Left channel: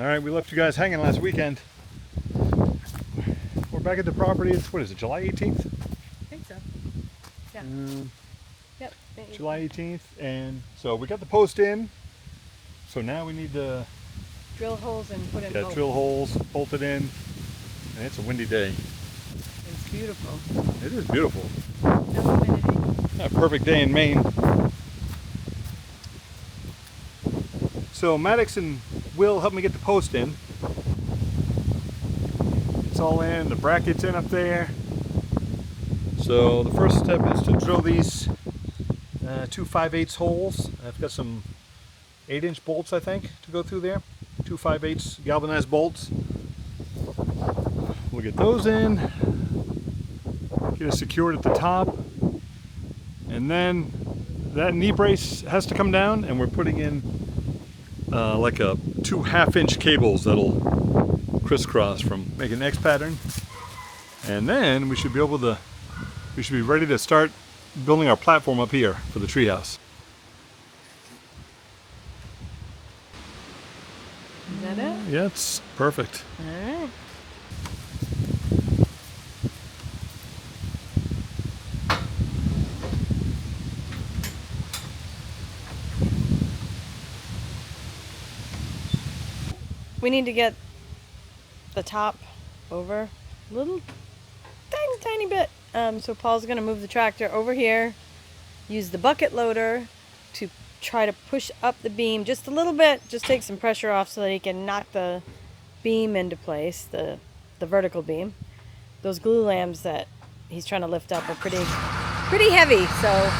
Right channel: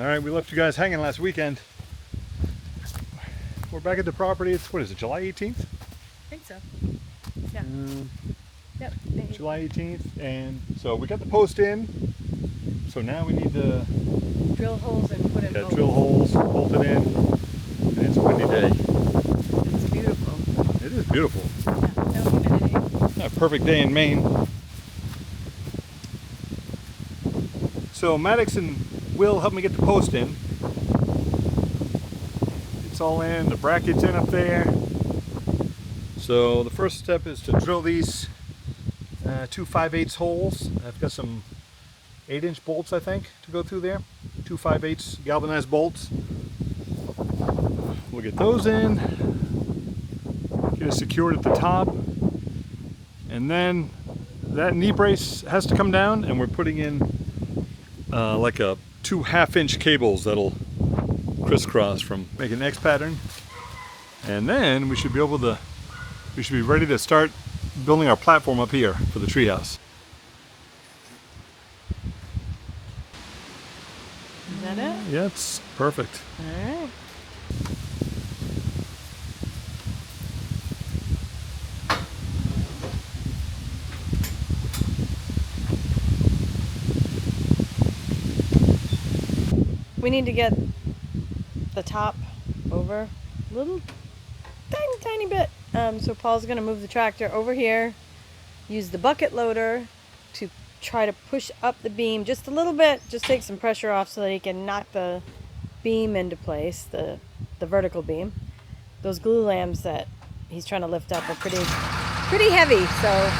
All right, we left you guys hanging last weekend. We're back at the property. It's, what is it, July 18th? I think so. Yeah. Yep. July 18th. And so we got the post in. So now we need to drill holes and put in bolts. drill holes, bolt it in. And it's a windy day. It's beautiful. It is beautiful. A perfect day in Maine. So Maddox and Will helped me get the post in. It's all in, the bracket's in up there. So the first step is to drill these 2 5/8 holes. I've got some 8-inch bolts, I think, to go through there. 2 5/8 galvanized bolts. We'll get those in, get it secured at the top, and then that knee brace has to come down, and we're putting in like a 2 1/2-inch cables that'll crisscross from making an X pattern, and then we should be ready to start building our platform up here for the treehouse. Is that it? Yeah, it's perfect. All right. We need to get the top over a little tiny bit. So Paul's gonna move the tractor over here, use the bucket loader to try to push up the beam just a little bit, just take some pressure off so that he can knock the beam into place, the vertical beam. Those glue lambs that he's trying to lift up are pretty heavy, so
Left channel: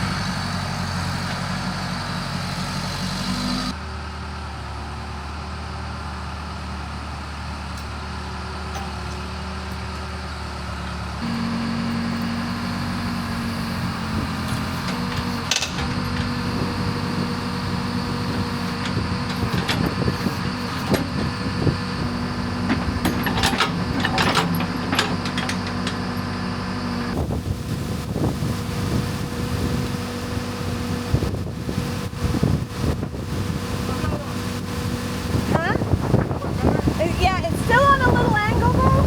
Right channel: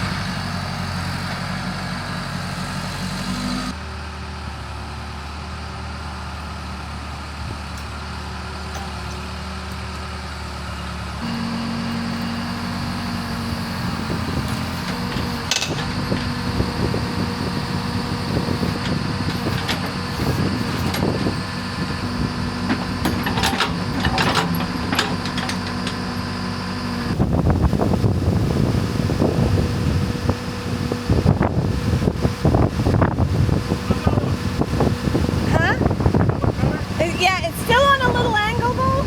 yeah, it's still on a little angle though.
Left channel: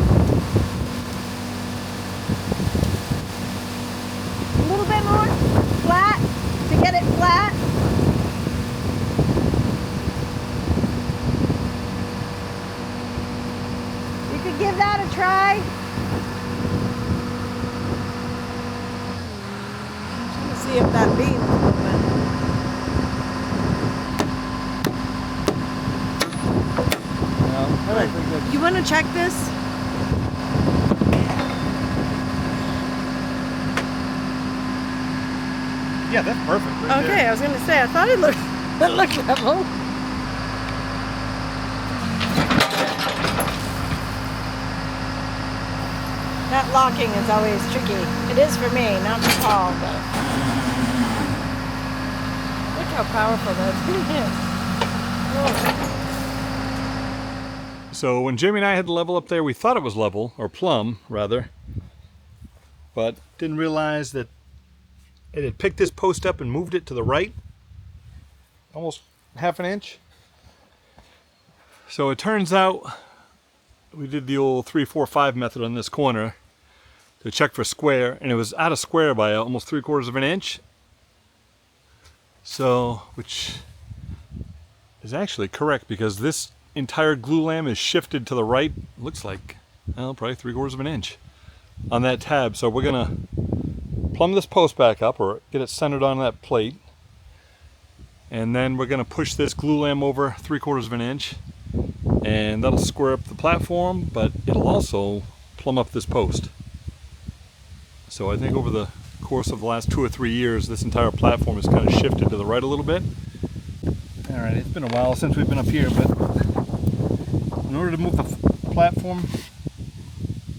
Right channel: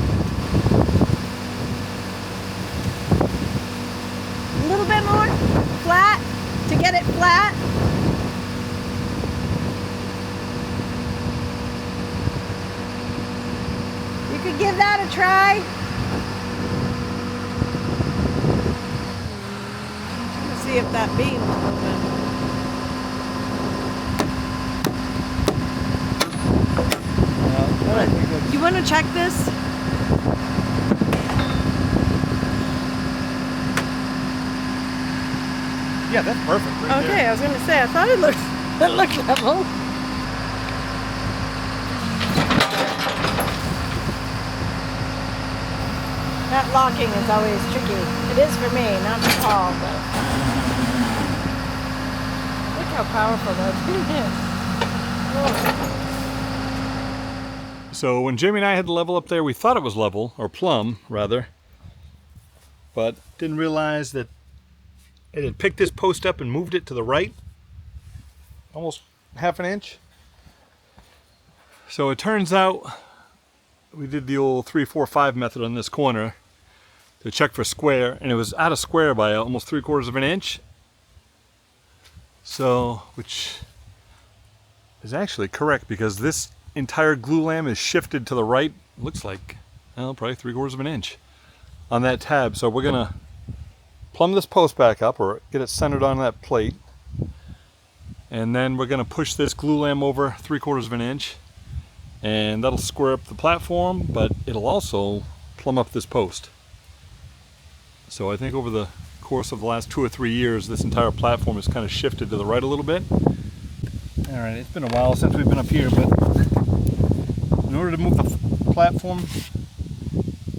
A little bit more flat to get it flat. You could give that a try. I'm trying to see if that beam is moving. You want to check this? Yeah, that's perfect. Right Okay, there. I was going to say, I thought it looked level. That locking is always tricky. It is for me, not for Paul, but look how powerful that thing is. Oh. So when Jayme and I had the level up there, we thought it was level, or plumb, rather. But didn't realize that it had picked this post up and moved it to the right. Almost 1/2 inch. So it turns out we did the old 3, 4, 5 method on this corner to check for square, and it was out of square by almost 3/4 inch. So, which is actually correct, because this entire glue lamb is shifted to the right. Looks like, well, probably 3/4 inch on that tab. So we're gonna plumb this post back up, or get it centered on that plate, and then we're gonna push this glue lamb over 3/4 inch, and that'll square up the platform, but it'll also plumb up this post. So I think over the course of the last 2 or 3 years, this entire platform has kind of shifted to the right a little bit. All right, it's been a while since we've been up here, but in order to move the platform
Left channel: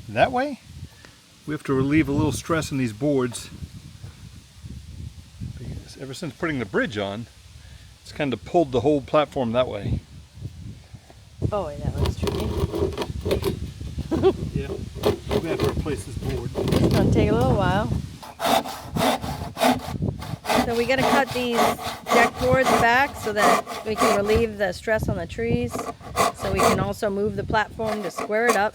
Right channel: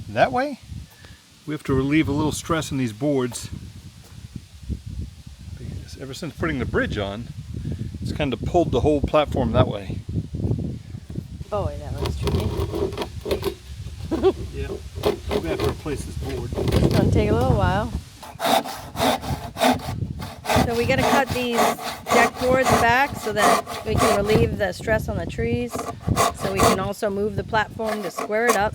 that way, we have to relieve a little stress in these boards, because ever since putting the bridge on, it's kind of pulled the whole platform that way. Oh, wait, that looks tricky. Yeah, we have to replace this board. It's going to take a little while. So we got to cut these deck boards back so that we can relieve the stress on the trees. So we can also move the platform to square it up.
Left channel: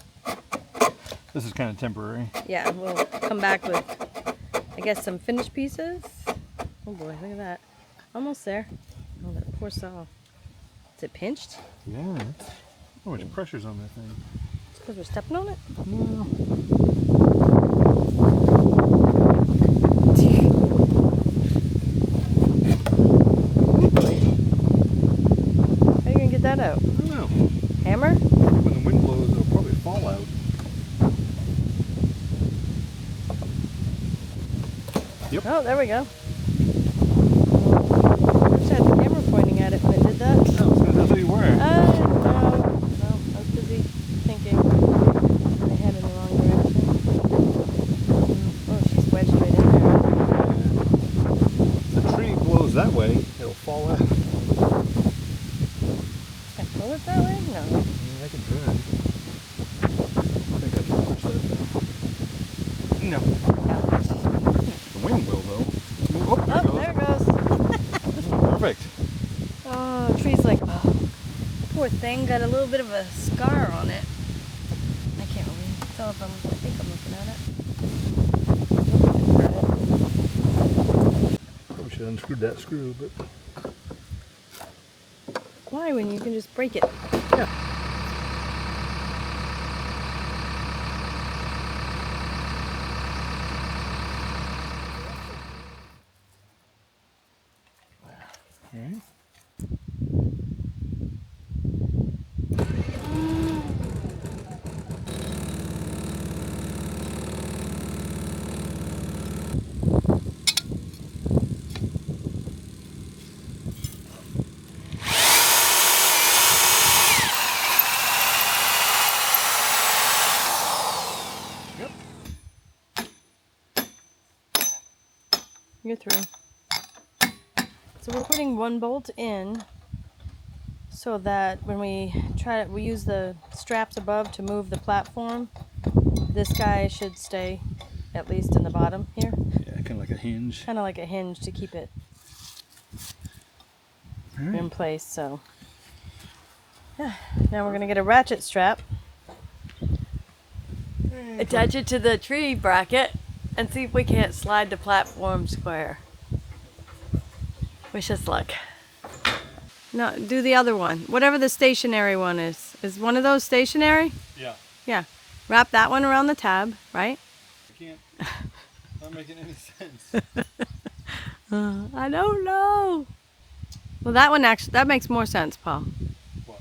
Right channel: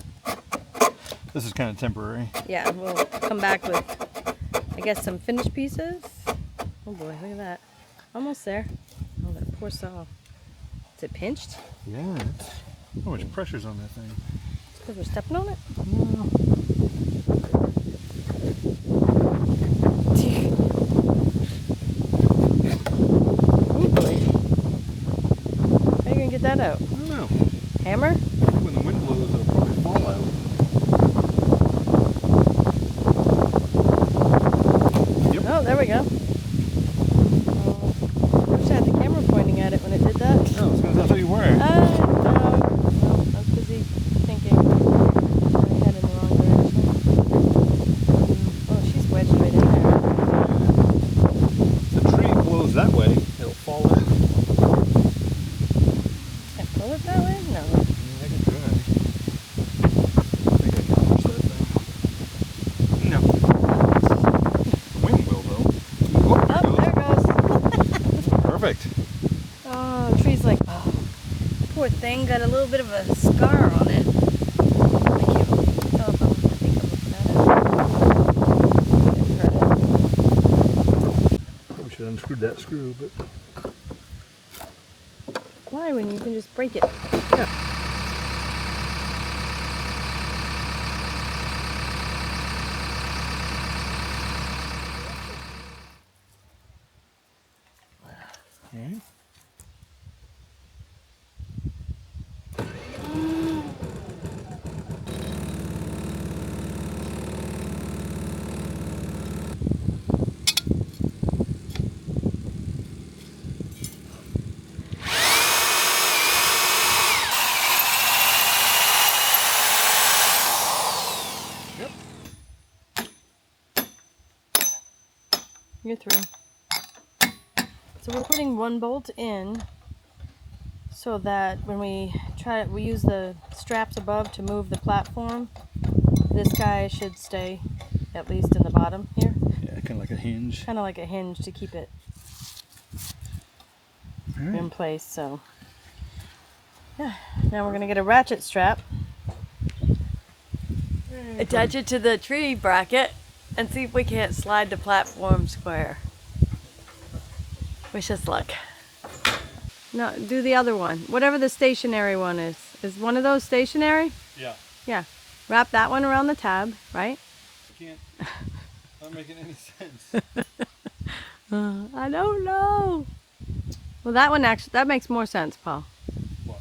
This is kind of temporary. Yeah, we'll come back with, I guess, some finished pieces. Oh boy, look at that. Almost there. Oh, that poor saw. Is it pinched? Yeah. How much pressure's on that thing? It's because we're stepping on it? Ooh, boy. How are you going to get that out? I don't know. Hammer? When the wind blows, it'll probably fall out. Yep. Oh, there we go. I wish I had the camera pointing at it when it did that. No, it's because that's what you were. No, I was busy thinking. I head in the wrong direction. Oh, she's wedged right in there. If the tree blows that way, it'll fall out. Can I pull it that way? No. Yeah, I can do it. I think I can push that down. No. The wind will, though. Oh, there it goes. Perfect. Oh, the tree's like, oh, poor thing, got a little bit of a scar on it. I can't really tell if I think I'm looking at it. Didn't hurt it. Probably should have unscrewed that screw, but... Why, when you can just break it? Yeah. Okay. Yep. You're through. So we're putting one bolt in so that when we use the straps above to move the platform, this guy should stay at least in the bottom here. Yeah, kind of like a hinge. Kind of like a hinge to keep it All right. in place. So yeah, now we're gonna get a ratchet strap, attach it to the tree bracket, and see if we can't slide the platform square. Wish us luck. No, do the other one. Whatever the stationary one is. Is one of those stationary? Yeah. Yeah. Wrap that one around the tab, right? I can't. Not making any sense. I don't know. Well, that one actually, that makes more sense, Paul. What?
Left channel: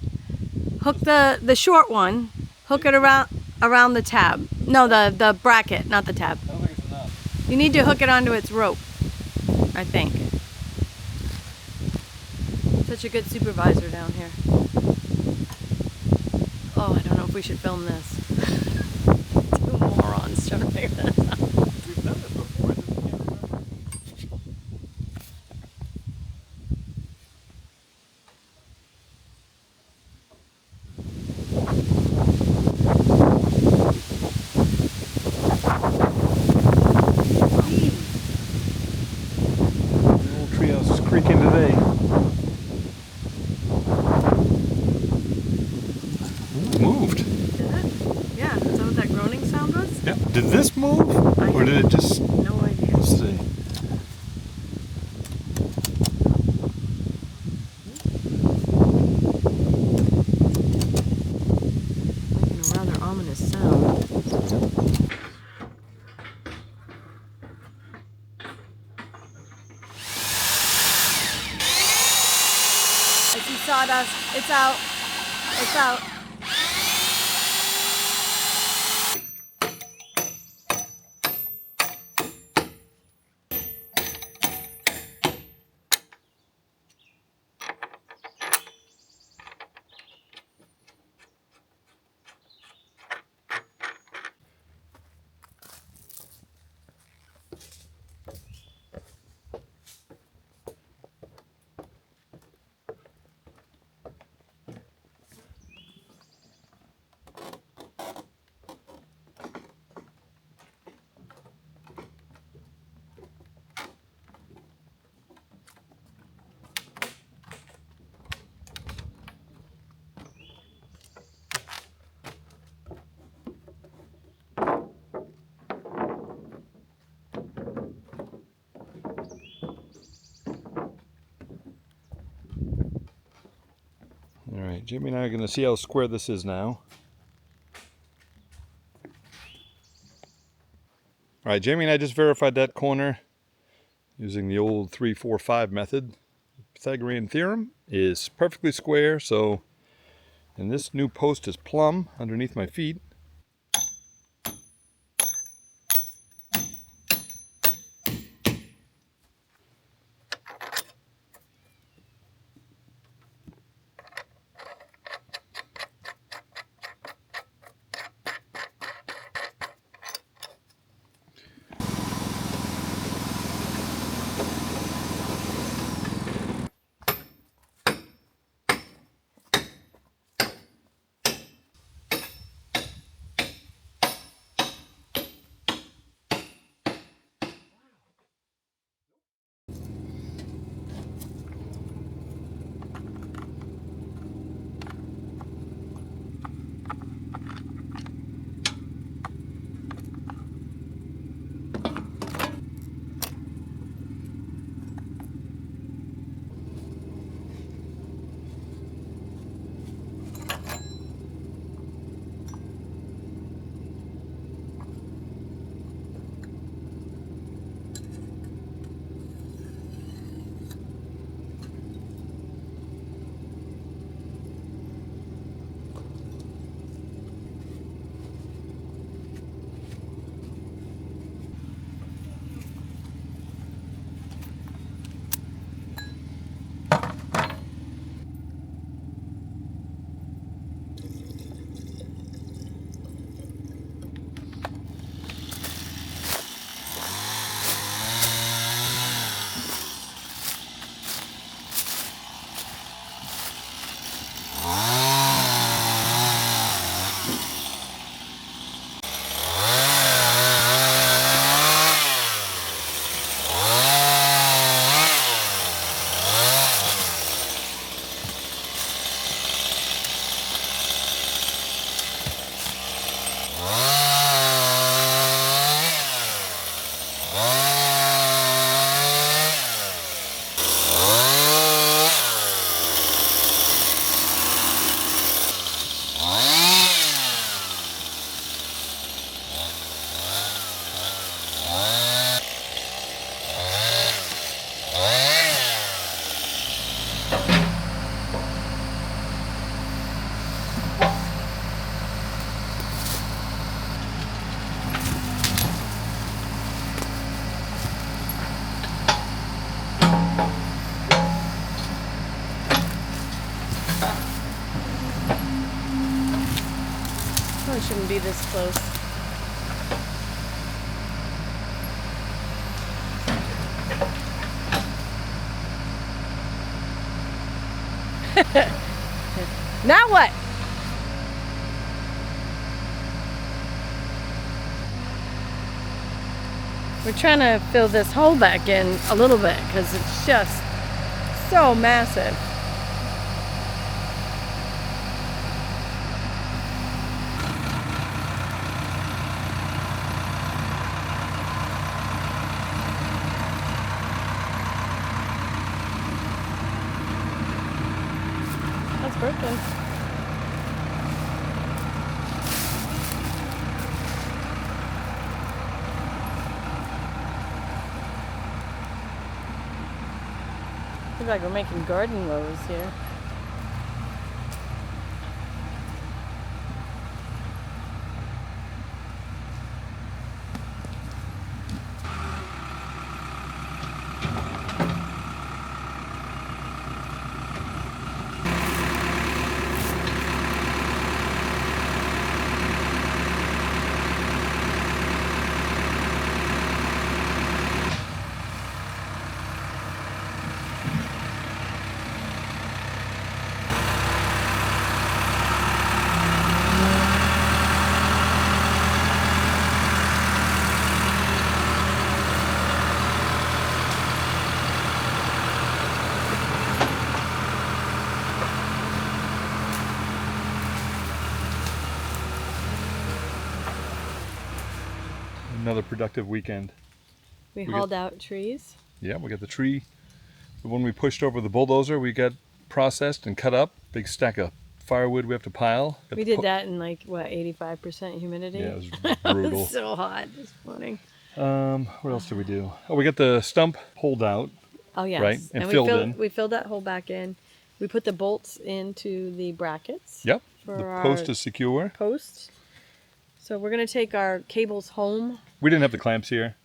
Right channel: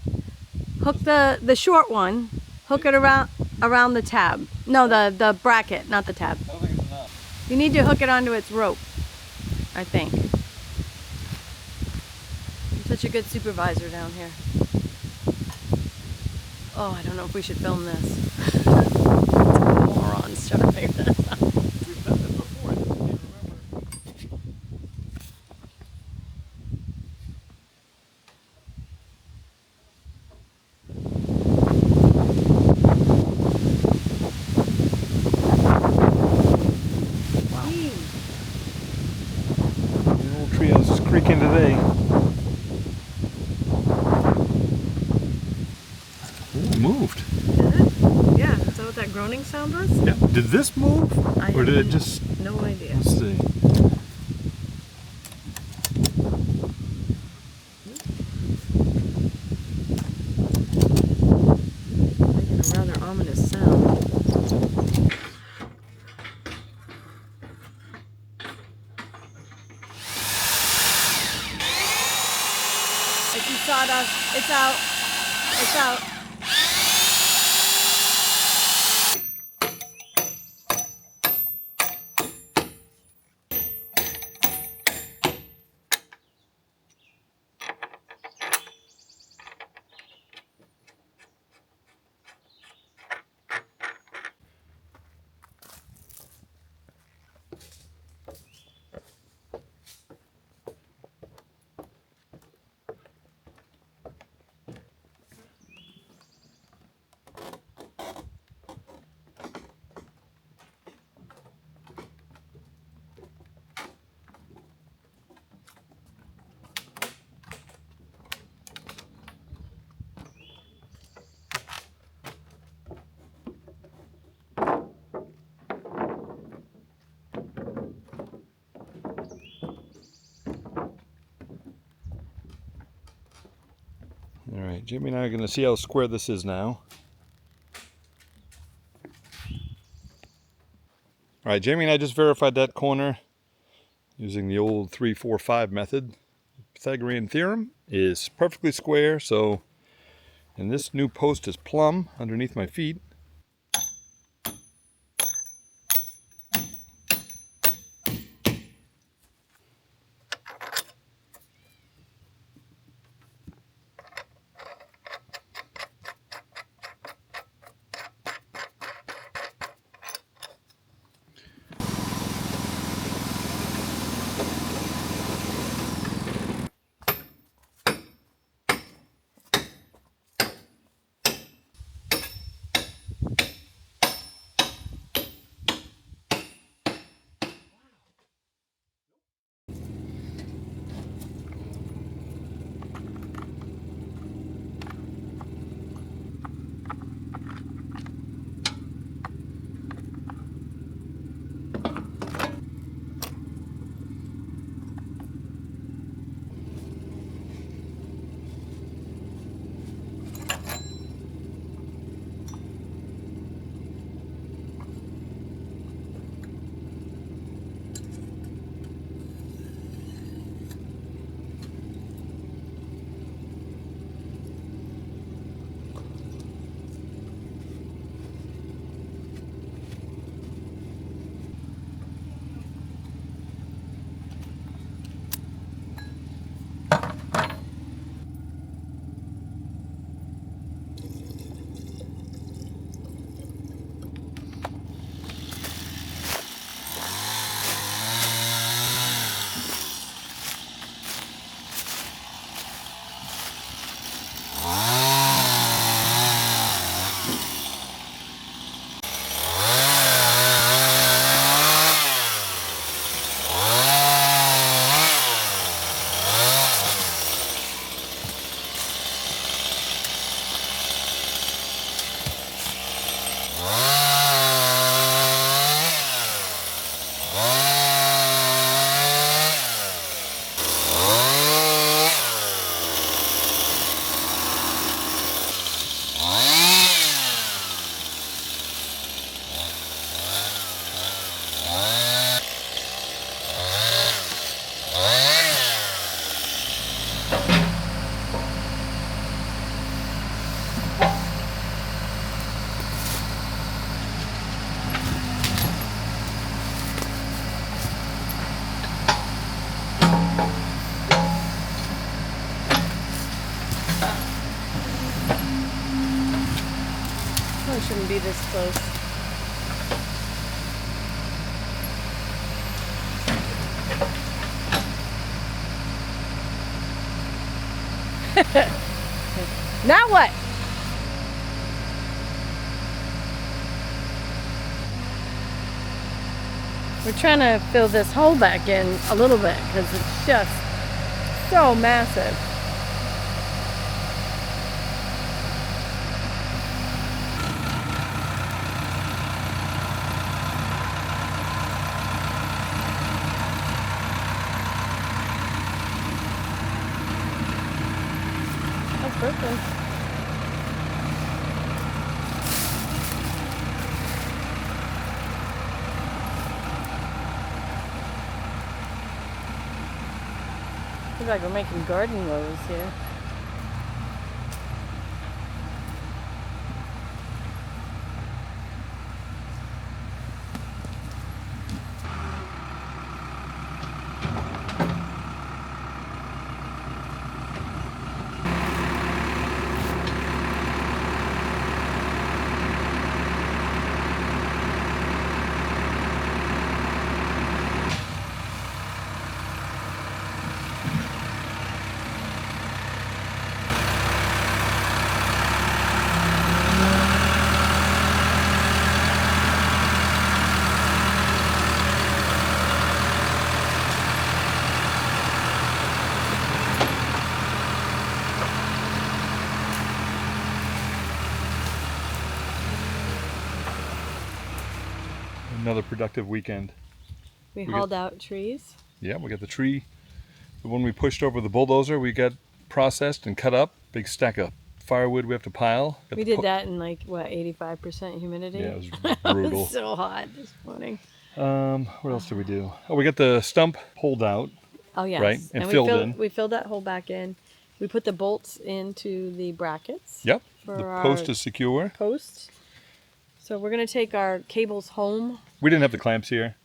Hook the short one, hook it around the tab. No, the bracket, not the tab. I don't think it's enough. You need to hook it onto its rope, I think. Such a good supervisor down here. Oh, I don't know if we should film this. Morons trying to figure this out. We've done this before, I just can't remember. The old treehouse is creaking today. Ooh, it moved. Did it? Yeah, is that what that groaning sound was? Yeah. Did this move? Or did it just... No idea. Let's see. Making a rather ominous sound. I see sawdust. It's out. It's out. All right, Jayme and I are going to see how square this is now. All right, Jayme and I just verified that corner using the old 3-4-5 method. Pythagorean theorem is perfectly square, so, and this new post is plumb underneath my feet. Probably shouldn't be this close. Now what? We're trying to fill this hole back in a little bit because it's just so massive. That's broken. Looks like we're making garden rows here. Another productive weekend. We hauled out trees. Yeah, we got the tree. The one we pushed over the bulldozer, we got processed and cut up. Big stack of firewood we have to pile. Got We the did that in like, what, 85% humidity? Yeah, it was It brutal. was so hot this morning. What else did we do? Oh, we got the stump pulled out. Oh, yes. Right, and we filled in. We filled that hole back in. We put the bolts into the brackets. Yep. For The our post is secure. posts. So we're going to take our cables home. We didn't have the clamps here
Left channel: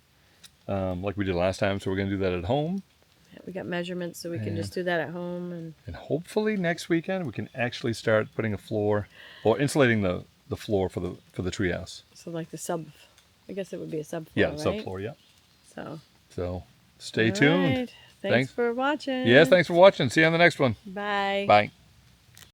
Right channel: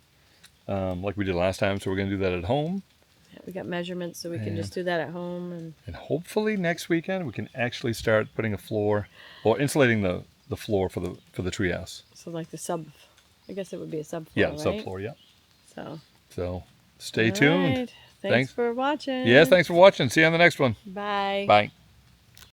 like we did last time, so we're going to do that at home. We got measurements, so we can just do that at home. And hopefully next weekend we can actually start putting a floor or insulating the floor for the treehouse. So like the sub, I guess it would be a subfloor, Yeah, right? subfloor, yeah. So stay all tuned. right. Thanks for watching. Yes, thanks for watching. See you on the next one. Bye. Bye.